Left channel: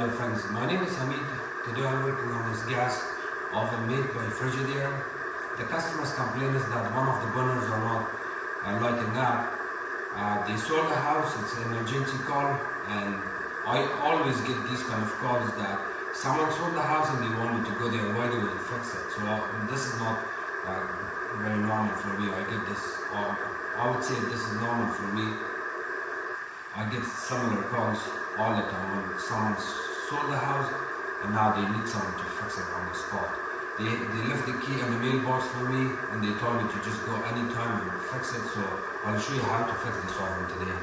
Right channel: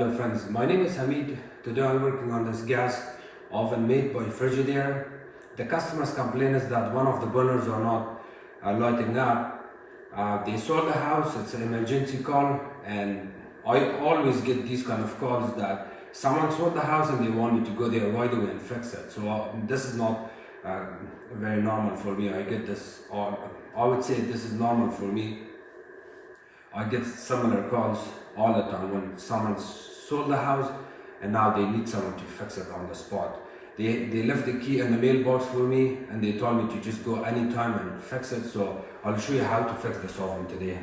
Hello friends, my name is Hamid. Today I'm working on this gas oven made by Frigidaire. The customer's complaint is that one of the burners are not lighting up. They sold the house, it's an emergency call, and I always get these kind of calls that someone sold the house and they want me to go there right away and fix it. So this is not very normal for me. I get this, or I would say this is normal for me. I get similar calls all the time when someone sold the house and now they need someone to fix it on the spot. They left the key in the mailbox for me and they told me to just go anytime and fix it. So I'll show you how to fix this oven today.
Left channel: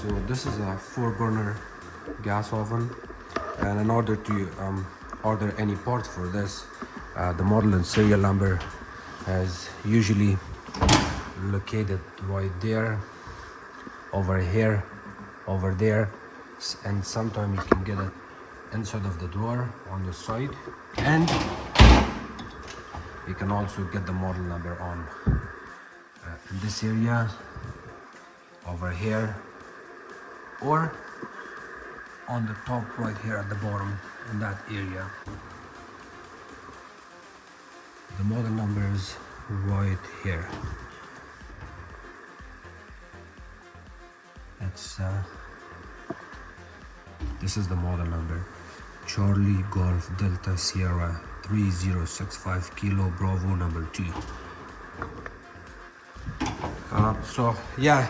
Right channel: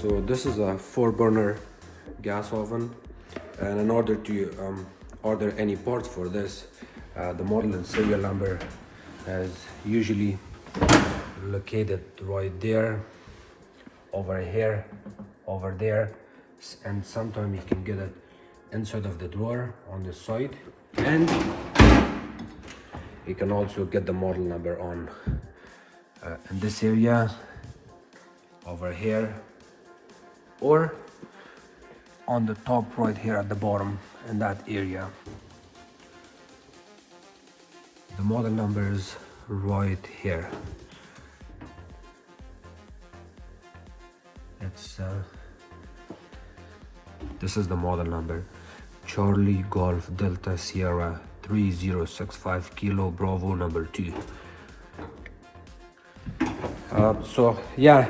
So this is a 4-burner gas oven, and in order to order any parts for this, the model and serial number is usually located right there, over here, over there, and sometimes you can get it inside of the drawer on the side, and you can also get the model number on in this area, over here, or on the top right here at the bottom in that area. The model number is right here. It's this is the model number: Charlie Golf Delta Sierra 3065 Kilo Bravo number 2. So yeah,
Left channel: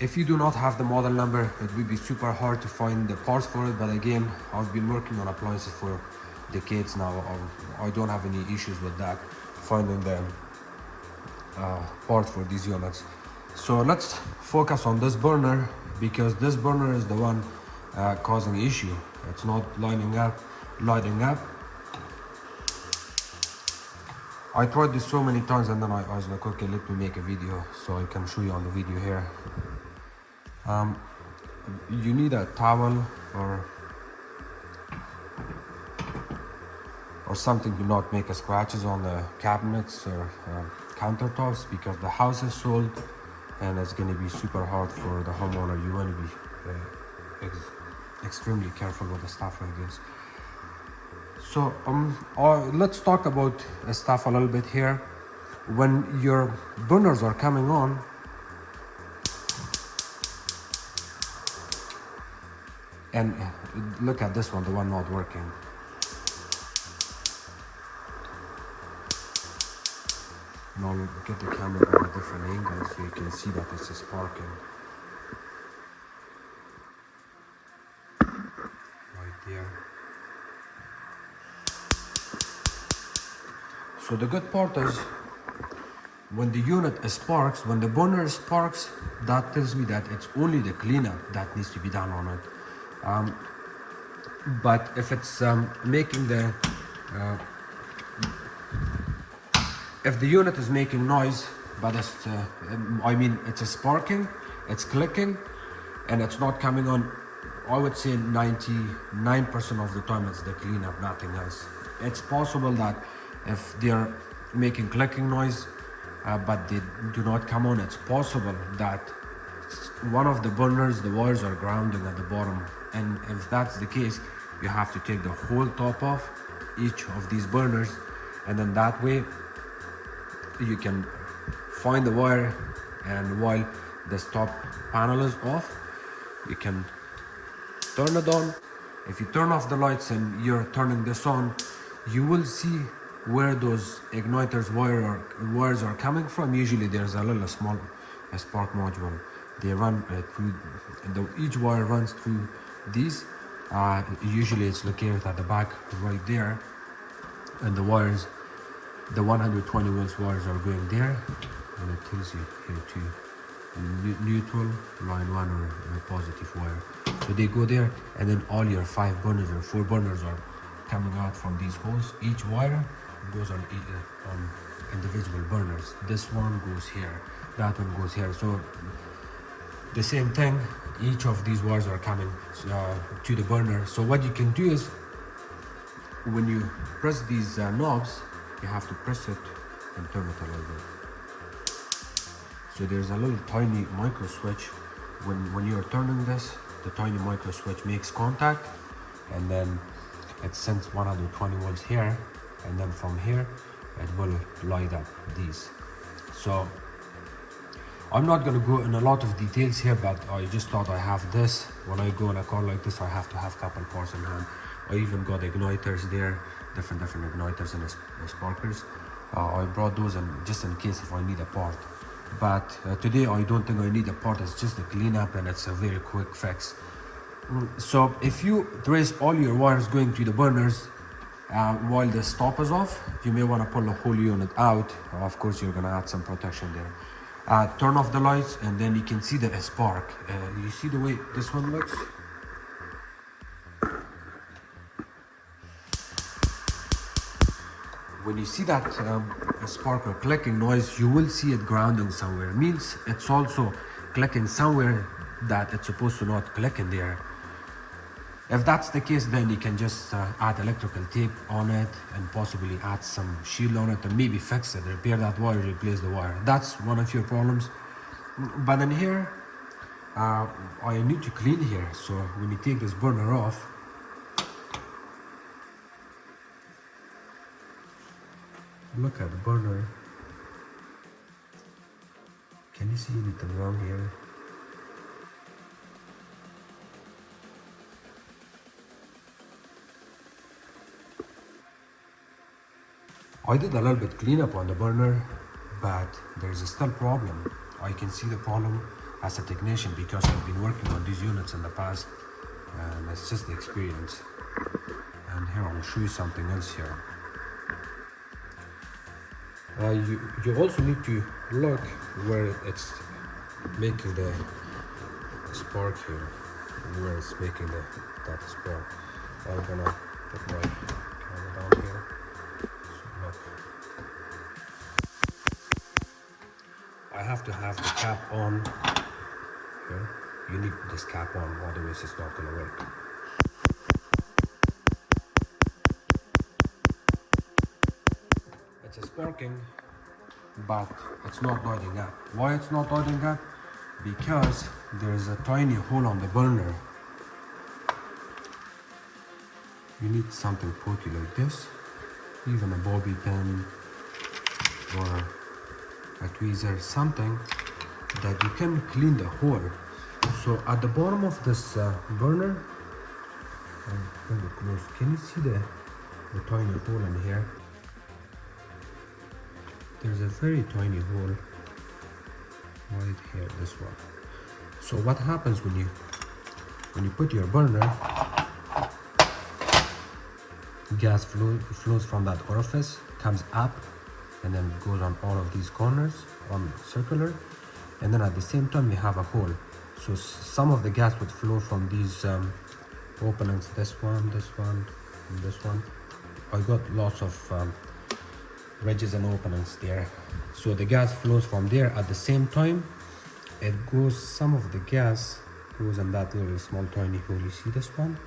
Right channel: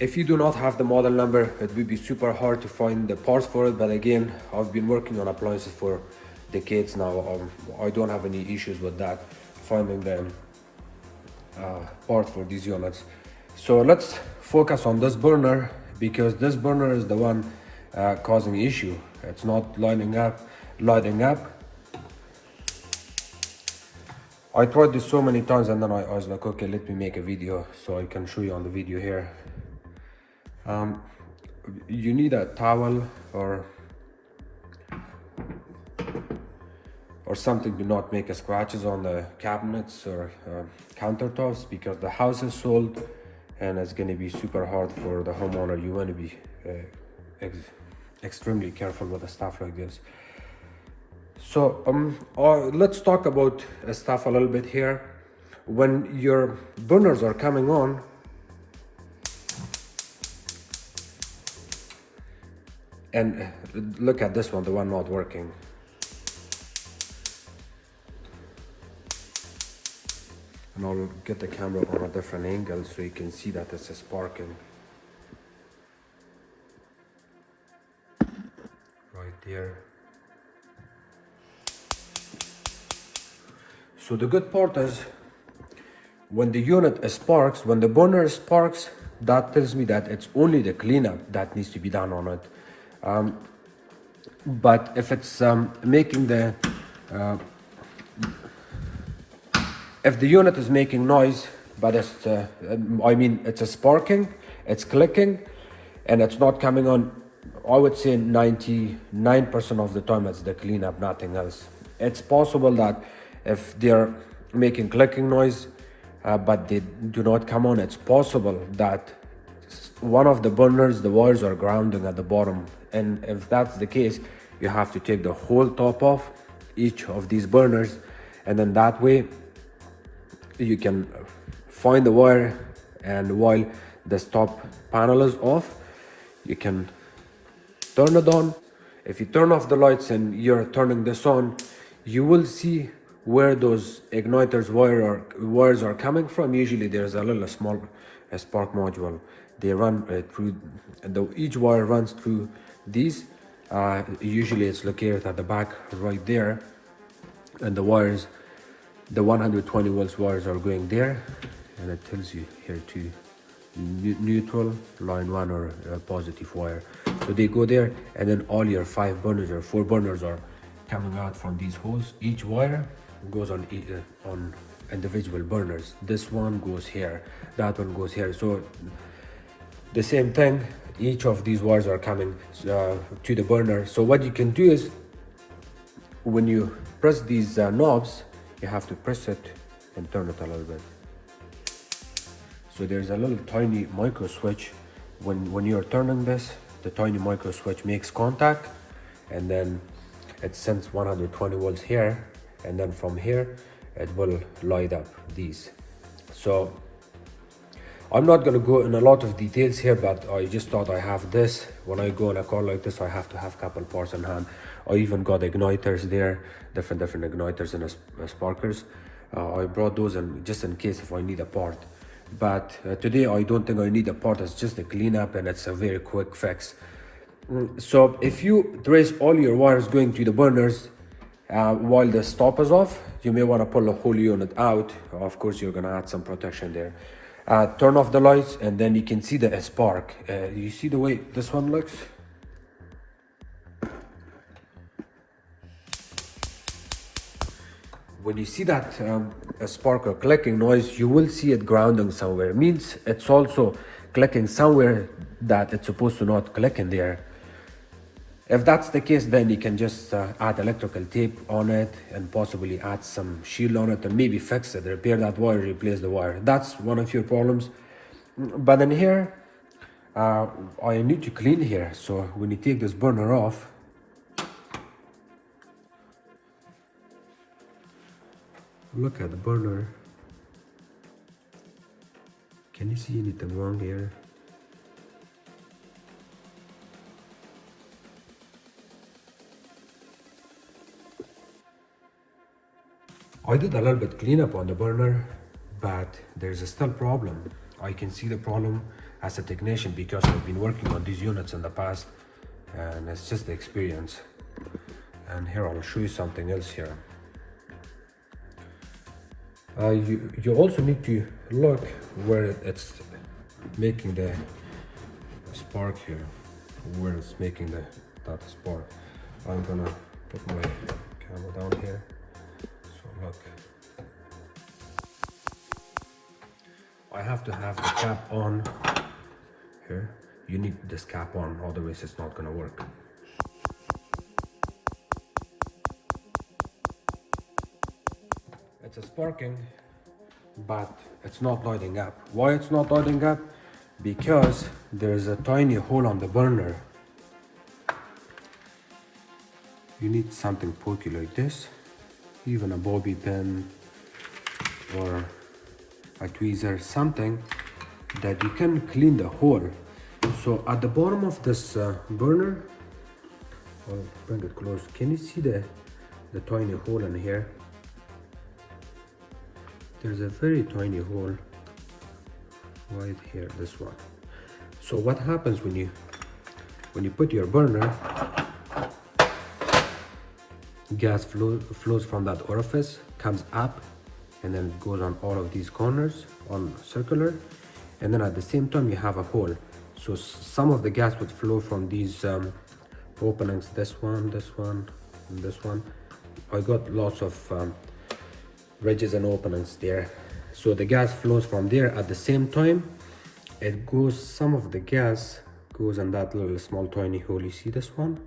if you do not have the model number, it would be super hard to find the parts for it. But again, I've been working on appliances for decades now. I don't have any issues with that, finding the parts for these units. So let's focus on this burner, because this burner is the one causing issue. It's not lighting up. I tried this so many times and then I was like, okay, let me make a video so I can show you on the video here. You need a towel or something to not make scratches on the cabinets or countertops, because the house is sold and it's going to be super hard for the homeowner. You want to be extremely careful with the stuff like this. So let's talk about stuff a little bit here. When your burners are coming on, and look at this one, the one not working. And I'll get the camera on a different angle so you can see that it's sparking. Right there. So the good part is, when the unit sparks, when the burner sparks, that tells me that it's only the cleanup that needs to be done on it. But if it's making the if the unit is making noise, but it's it's sparking, it's clicking, and it's not coming on, I would say 99% of the time it's the cleanup, nothing else. It's possible that if they're making clicking noise but they do not come on, it's possible that one of the burners, the wires are grounding at the bottom, and if that's the case, you have to take the whole top off each of these burners, and then that way you can find the wire, and while this top panel is off, you can turn it on. If you turn off the lights and you're turning this on, you will see where those igniters wires are coming from. Usually there's a little small spark module. They run through, each wire runs through these. Usually it's located at the back right there, and the wires, the 120 volts wires are going there, and it tells you here to neutral, line 1, or a positive wire. So they go there, and then all your 5 burners or 4 burners are coming out from these holes. Each wire goes on individual burners. This one goes here, that one goes here. So the same thing, each of these wires are coming to the burner. So what you can do is, when you press these knobs, you have to press it and turn it a little bit. So there's a little tiny micro switch. When you're turning this, the tiny micro switch makes contact, and then it sends 120 volts here, and then from here it will light up these. So I'm not going to go in a lot of details here, but I just thought I have this. When I go in a car like this, I have to have a couple parts in hand. I even got igniters there, different igniters and sparkers. I brought those in just in case if I need a part. But today I don't think I need a part. It's just a cleanup, and it's a very quick fix. So if you trace all your wires going to the burners while the stop is off, you may want to pull the whole unit out. Of course, you're going to add some protection there. Turn off the lights, and then you can see the spark. You see the way this one looks? When you see that a spark or clicking noise, you will see it grounding somewhere. It means it's also clicking somewhere that it's supposed to not click in there. If that's the case, then you can just add electrical tape on it and possibly add some shield on it and maybe fix it, repair that wire, replace the wire. That's one of your problems. But in here, I need to clean here. So when you take this burner off, look at the burner. Can you see anything wrong here? I did a little bit cleanup on the burner, but there's a still problem. I can see the problem as a technician because I've been working on these units in the past, and it's just the experience. And here I'll show you something else here. You also need to look where it's making the spark here, where it's making that spark. I'm gonna put my camera down here. So look, I have to have the cap on here. You need this cap on, otherwise it's not gonna work. It's sparking, but it's not lighting up. Why it's not lighting up? Because there's a tiny hole on the burner. You need something pokey like this, even a bobby pin or a tweezer, something that you can clean the hole. So at the bottom of this burner, I'll bring it close. Can you see the tiny hole in here? There's a very tiny hole right here, this one. So what happens when you put your burner, gas flows from that orifice, comes up, and then it goes on all of these corners on circular, and then at the same time you have a hole. So some of the gas would flow from these openings, this one, and this one. I got lots of ridges and openings there, so the gas flows from there. At the same time, it goes, some of the gas goes in that little small tiny hole. You see this one?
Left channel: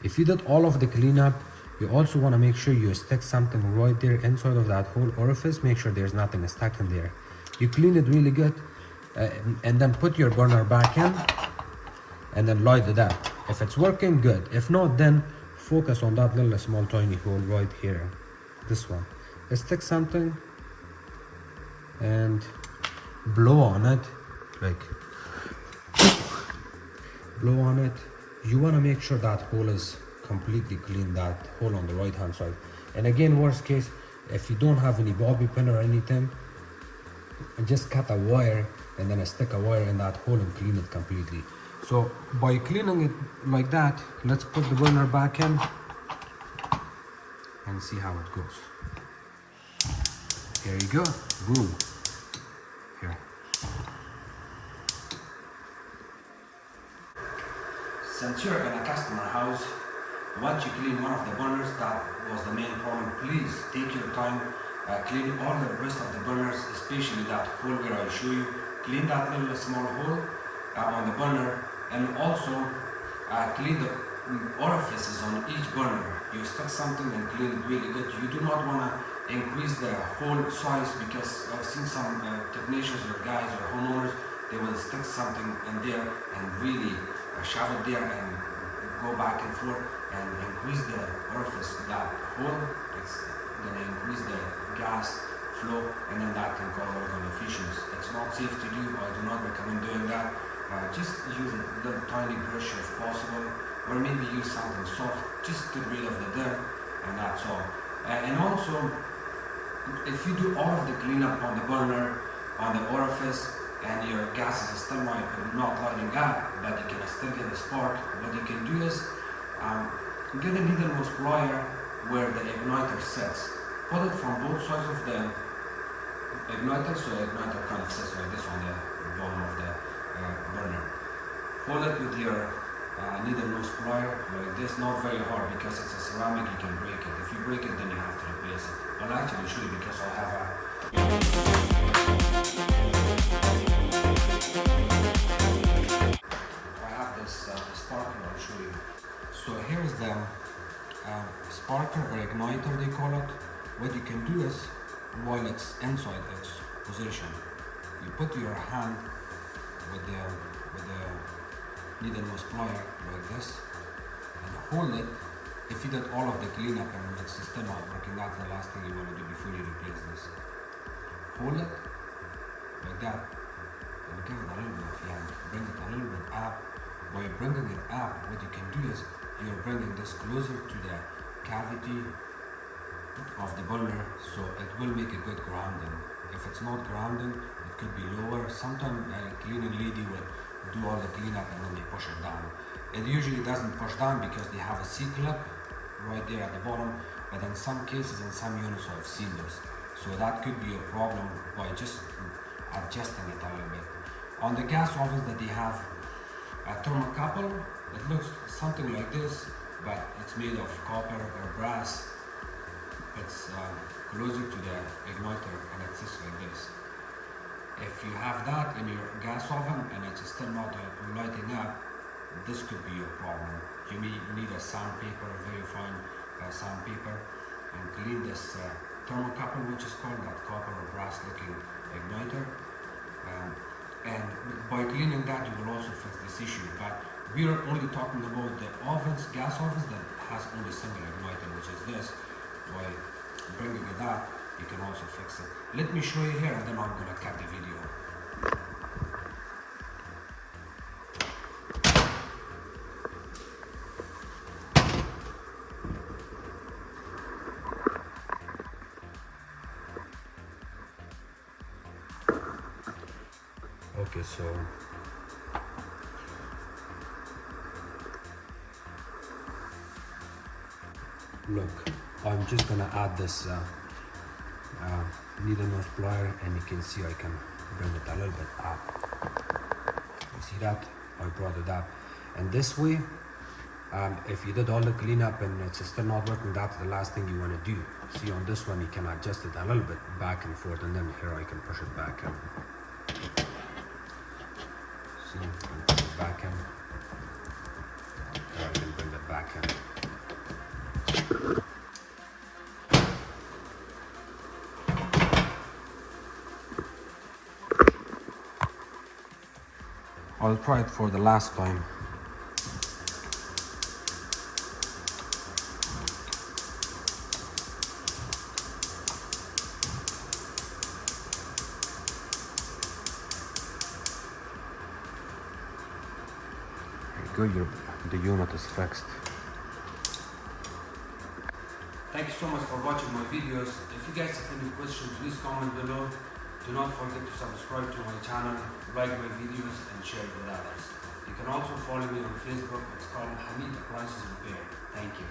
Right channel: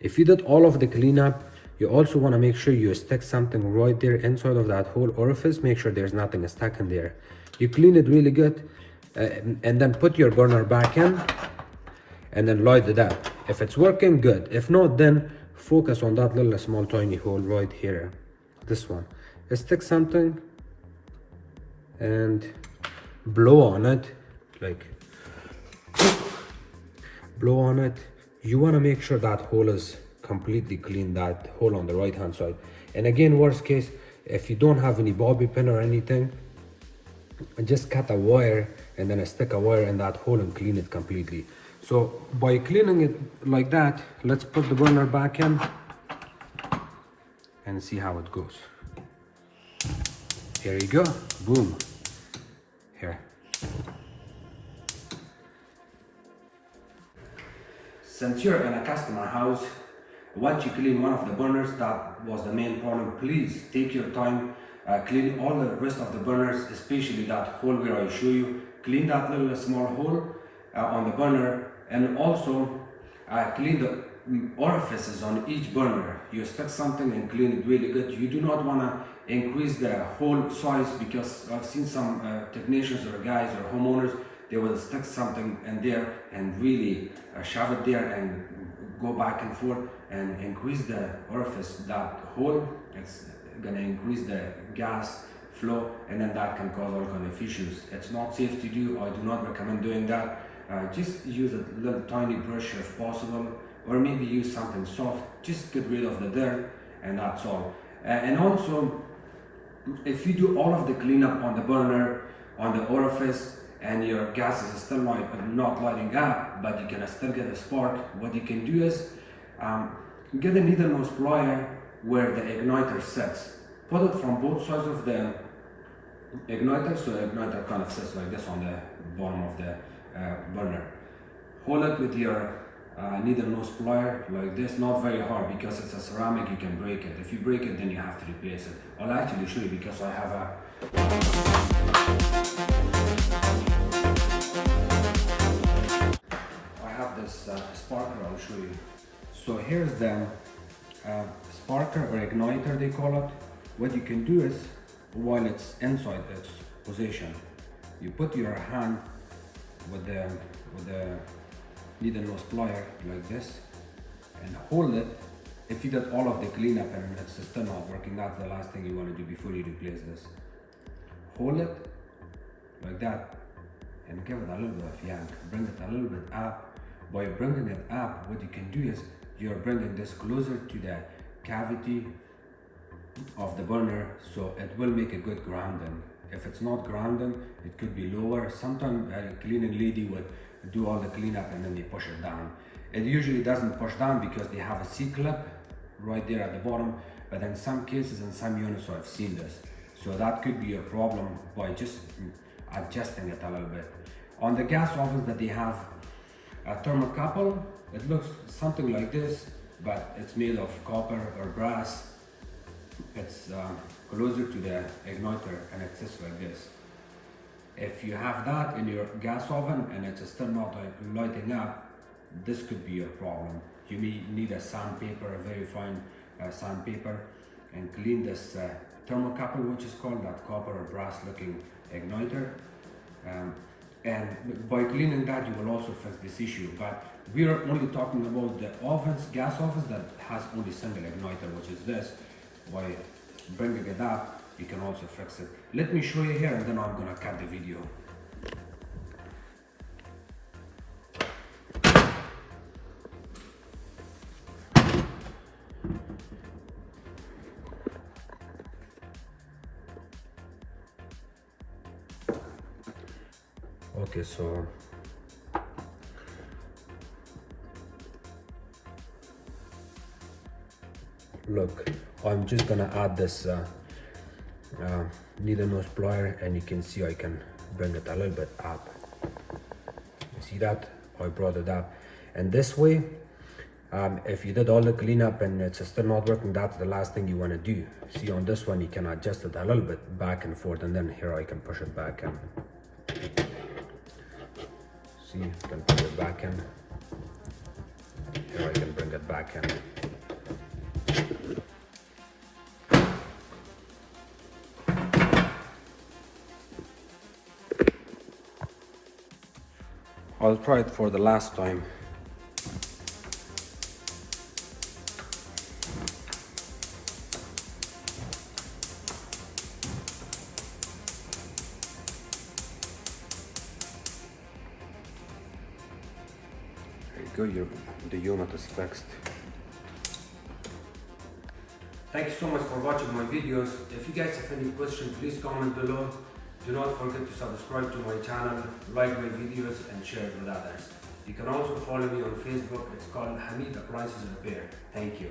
If you did all of the cleanup, you also want to make sure you stick something right there inside of that whole orifice. Make sure there's nothing stuck in there. You clean it really good, and then put your burner back in and then light it up. If it's working, good. If not, then focus on that little small tiny hole right here, this one. Stick something and blow on it, like blow on it. You want to make sure that hole is completely clean, that hole on the right hand side. And again, worst case, if you don't have any bobby pin or anything, just cut a wire and then stick a wire in that hole and clean it completely. So by cleaning it like that, let's put the burner back in and see how it goes. Here you go, boom, here. Since you're in a customer house, once you clean one of the burners, that was the main problem, please take your time, clean all the rest of the burners, especially that hole where I show you. Clean that little small hole on the burner, and also clean orifices on each burner. You stick something and clean it really good. You do not want to increase the hole size, because I've seen some technicians or guys or homeowners, they will stick something in there and really shove it there and go back and forth and increase the orifice, that hole. It's going to increase the gas flow, and then that can cause all kind of issues. It's not safe to do. I do not recommend doing that. Just use a little tiny brush if possible, or maybe use something soft. Just get rid of the dirt, and that's all. And also, if you do all of the cleanup on the burner, on the orifice, and your gas is still not lighting up, but you can still get a spark, what you can do is get a needle nose plier where the igniter sits. Put it from both sides of the igniter, so the igniter kind of sits like this on the bottom of the burner. Hold it with your needle nose plier like this, not very hard, because it's a ceramic, you can break it. If you break it, then you have to replace it. I'll actually show you, because I have this sparker. I'll show you. So here's the sparker or igniter, they call it. What you can do is, while it's inside its position, you put your hand with the needle nose plier like this and hold it. If you did all of the cleanup and it's still not working, that's the last thing you want to do before you replace this. Hold it like that and give it a little bit of yang. Bring it a little bit up. By bringing it up, what you can do is you're bringing this closer to the cavity of the burner, so it will make a good grounding. If it's not grounding, it could be lower. Sometimes a cleaning lady would do all the cleanup and then they push it down. It usually doesn't push down because they have a C-clip right there at the bottom, but in some cases, in some units, I've seen this. So that could be a problem by just adjusting it a little bit. On the gas ovens that they have a thermocouple, it looks something like this, but it's made of copper or brass. It's closer to the igniter and it sits like this. If you have that in your gas oven and it's still not lighting up, this could be a problem. You may need a sandpaper, a very fine sandpaper, and clean this thermocouple, which is called that copper or brass looking igniter. And by cleaning that, you will also fix this issue. But we are only talking about the ovens, gas ovens that has only single igniter, which is this. By bringing it up, you can also fix it. Let me show you here, and then I'm gonna cut the video. Okay, so look, I'm just gonna add this needle nose plier, and you can see I can bring it a little bit up. You see that? I brought it up, and this way, if you did all the cleanup and it's still not working, that's the last thing you want to do. See, on this one you can adjust it a little bit back and forth, and then here I can push it back in. See, I can put it back in. Here I can bring it back in. I'll try it for the last time. Good, the unit is fixed. Thank you so much for watching my videos. If you guys have any questions, please comment below. Do not forget to subscribe to my channel, like my videos, and share it with others. You can also follow me on Facebook. It's called Hamid Appliances Repair. Thank you.